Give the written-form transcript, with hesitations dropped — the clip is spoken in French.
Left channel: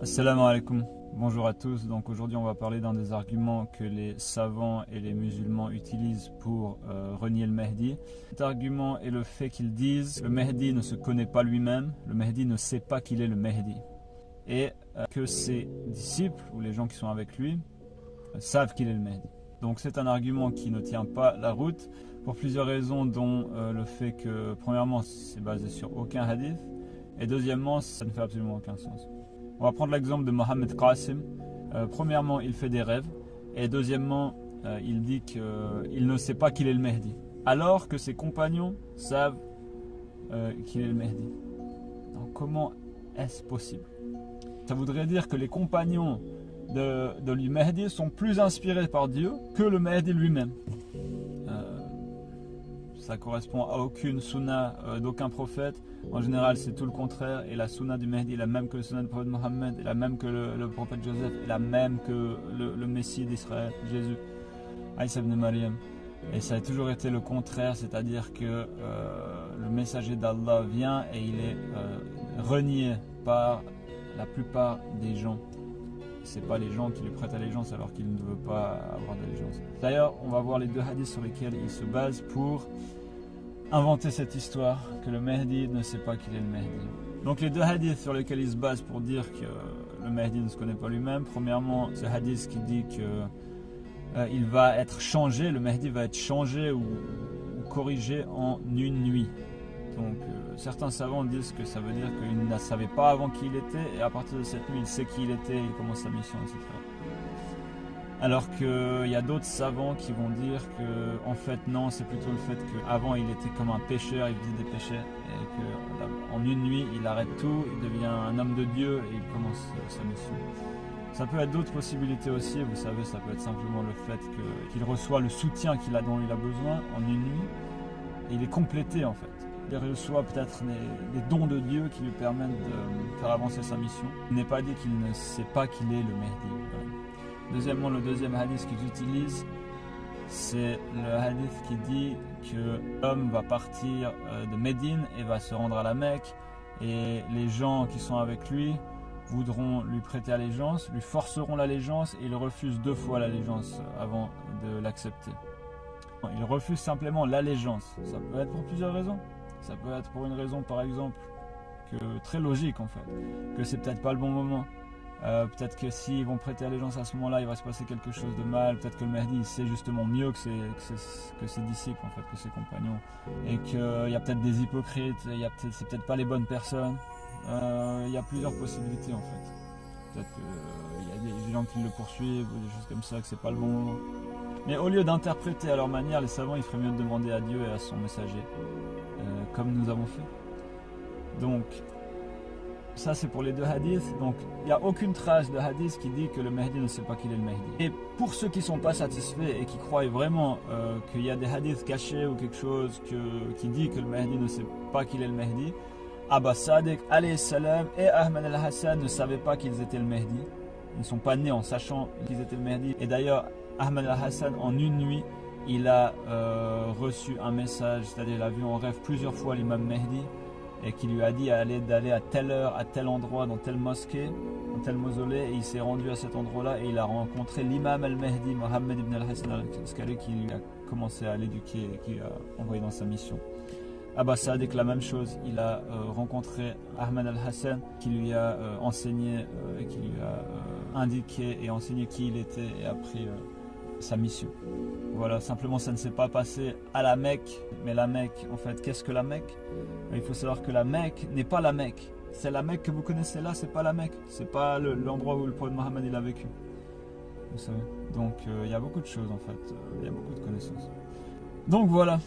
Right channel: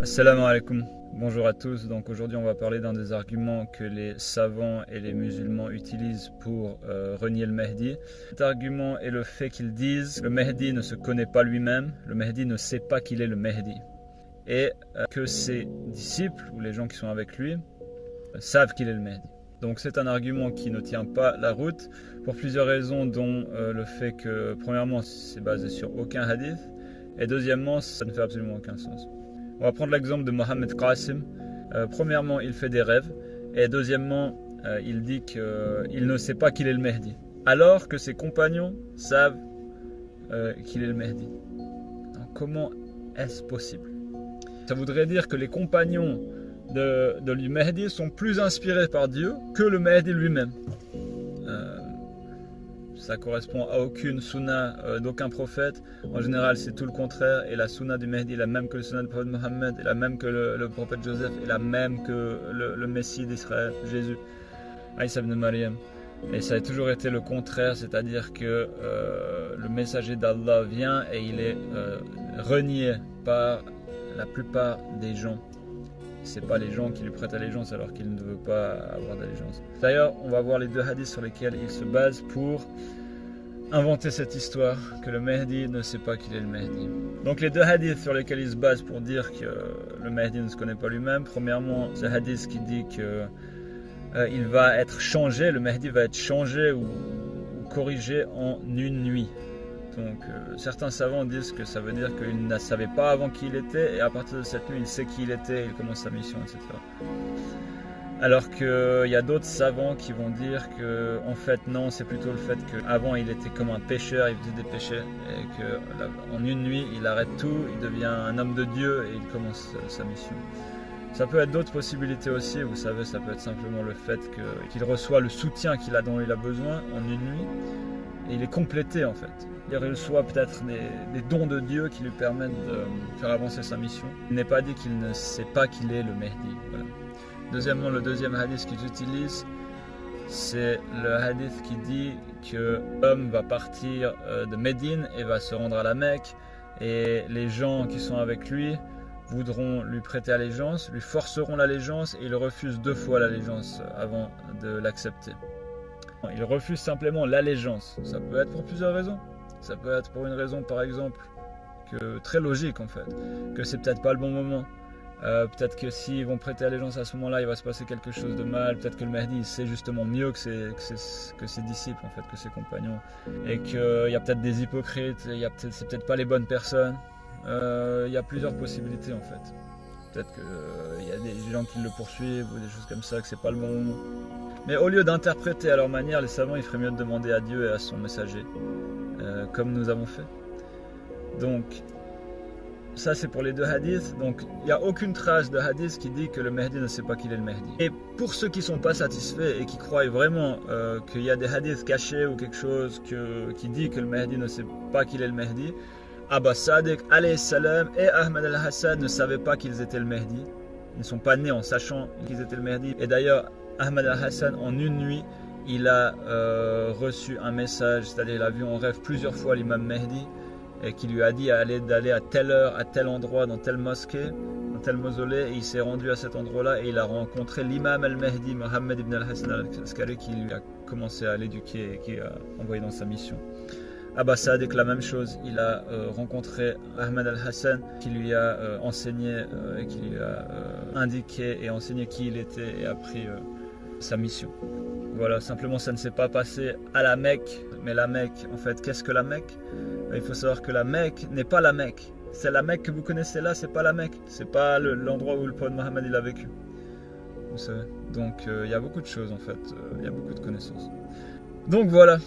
Assalamu alaikum, bonjour à tous. Donc aujourd'hui on va parler d'un des arguments que les savants et les musulmans utilisent pour renier le Mahdi. Cet argument est le fait qu'ils disent le Mahdi ne se connaît pas lui-même, le Mahdi ne sait pas qu'il est le Mahdi. Et que ses disciples ou les gens qui sont avec lui savent qu'il est le Mahdi. Donc c'est un argument qui ne tient pas la route pour plusieurs raisons, dont le fait que premièrement c'est basé sur aucun hadith et deuxièmement ça ne fait absolument aucun sens. On va prendre l'exemple de Mohammed Qasim. Premièrement, il fait des rêves. Et deuxièmement, il dit qu'il ne sait pas qu'il est le Mahdi. Alors que ses compagnons savent qu'il est le Mahdi. Alors, comment est-ce possible? Ça voudrait dire que les compagnons de lui Mahdi sont plus inspirés par Dieu que le Mahdi lui-même. Ça correspond à aucune sunna d'aucun prophète. En général, c'est tout le contraire. Et la sunna du Mahdi est la même que la sunna du prophète Mohammed, est la même que le prophète Joseph, est la même que le Messie d'Israël, Jésus, Isa ibn Maryam. Et ça a toujours été le contraire, c'est-à-dire que le messager d'Allah vient et il est renié par la plupart des gens. C'est pas les gens qui lui prêtent allégeance alors qu'il ne veut pas avoir d'allégeance. D'ailleurs, on va voir les deux hadiths sur lesquels il se base pour inventer cette histoire que le Mahdi ne sait pas qu'il est le Mahdi. Donc les deux hadiths sur lesquels il se base pour dire que le Mahdi ne se connaît pas lui-même. Premièrement, ce hadith qui dit que il va être changé, le Mahdi va être changé ou corrigé en une nuit. Donc certains savants disent que ça veut dire qu'il ne savait pas avant qui il était et à partir de cette nuit il sait qui il était, il commence sa mission, etc. Alors qu'il y a d'autres savants qui vont dire que en fait non, c'est plutôt le fait qu'avant il était comme un pécheur, il faisait des péchés et qu'en une nuit il arrête tout, il devient un homme de Dieu et il commence sa mission. Ça peut être d'autres possibilités aussi, vous savez, ça peut être simplement le fait qu'il reçoit le soutien dont il a besoin en une nuit et il est complété en fait. Il reçoit peut-être des dons de Dieu qui lui permettent de faire avancer sa mission. Il n'est pas dit qu'il ne sait pas qu'il est le Mahdi. Voilà. Deuxièmement, le deuxième hadith qu'ils utilisent, c'est le hadith qui dit que l'homme va partir de Médine et va se rendre à la Mecque et les gens qui sont avec lui voudront lui prêter allégeance, lui forceront l'allégeance et il refuse 2 fois l'allégeance avant de l'accepter. Il refuse simplement l'allégeance. Ça peut être pour plusieurs raisons. Ça peut être pour une raison par exemple très logique en fait, que c'est peut-être pas le bon moment. Peut-être que s'ils vont prêter allégeance à ce moment-là, il va se passer quelque chose de mal. Peut-être que le Mahdi il sait justement mieux que ses disciples en fait, que ses compagnons, et qu'il y a peut-être des hypocrites, c'est peut-être pas les bonnes personnes. Il y a plusieurs possibilités en fait. Peut-être qu'il y a des gens qui le poursuivent ou des choses comme ça, que c'est pas le bon moment. Mais au lieu d'interpréter à leur manière, les savants, il ferait mieux de demander à Dieu et à son messager. Comme nous avons fait. Donc ça c'est pour les deux hadiths. Donc il n'y a aucune trace de hadith qui dit que le Mahdi ne sait pas qu'il est le Mahdi. Et pour ceux qui ne sont pas satisfaits et qui croient vraiment qu'il y a des hadiths cachés ou quelque chose qui dit que le Mahdi ne sait pas qu'il est le Mahdi, Abba Sadiq alayhi salam et Ahmed al-Hassan ne savaient pas qu'ils étaient le Mahdi. Ils ne sont pas nés en sachant qu'ils étaient le Mahdi. Et d'ailleurs Ahmed al-Hassan en une nuit il a reçu un message, c'est-à-dire il a vu en rêve plusieurs fois l'imam Mahdi et qui lui a dit d'aller à telle heure, à tel endroit, dans telle mosquée, dans tel mausolée, et il s'est rendu à cet endroit-là et il a rencontré l'imam al-Mahdi, Mohammed ibn al-Hassan al-Askari, qui lui a commencé à l'éduquer et qui a envoyé dans sa mission. Abba Sadiq, la même chose, il a rencontré Ahmed al-Hassan qui lui a enseigné, et qui lui a indiqué et enseigné qui il était et a pris sa mission. Voilà, simplement ça ne s'est pas passé à la Mecque, mais la Mecque, en fait, qu'est-ce que la Mecque? Il faut savoir que la Mecque n'est pas la Mecque. C'est la Mecque que vous connaissez là, c'est pas la Mecque. C'est pas l'endroit où le prophète Mohammed il a vécu. Vous savez. Donc il y a beaucoup de choses en fait, il y a beaucoup de connaissances. Donc voilà.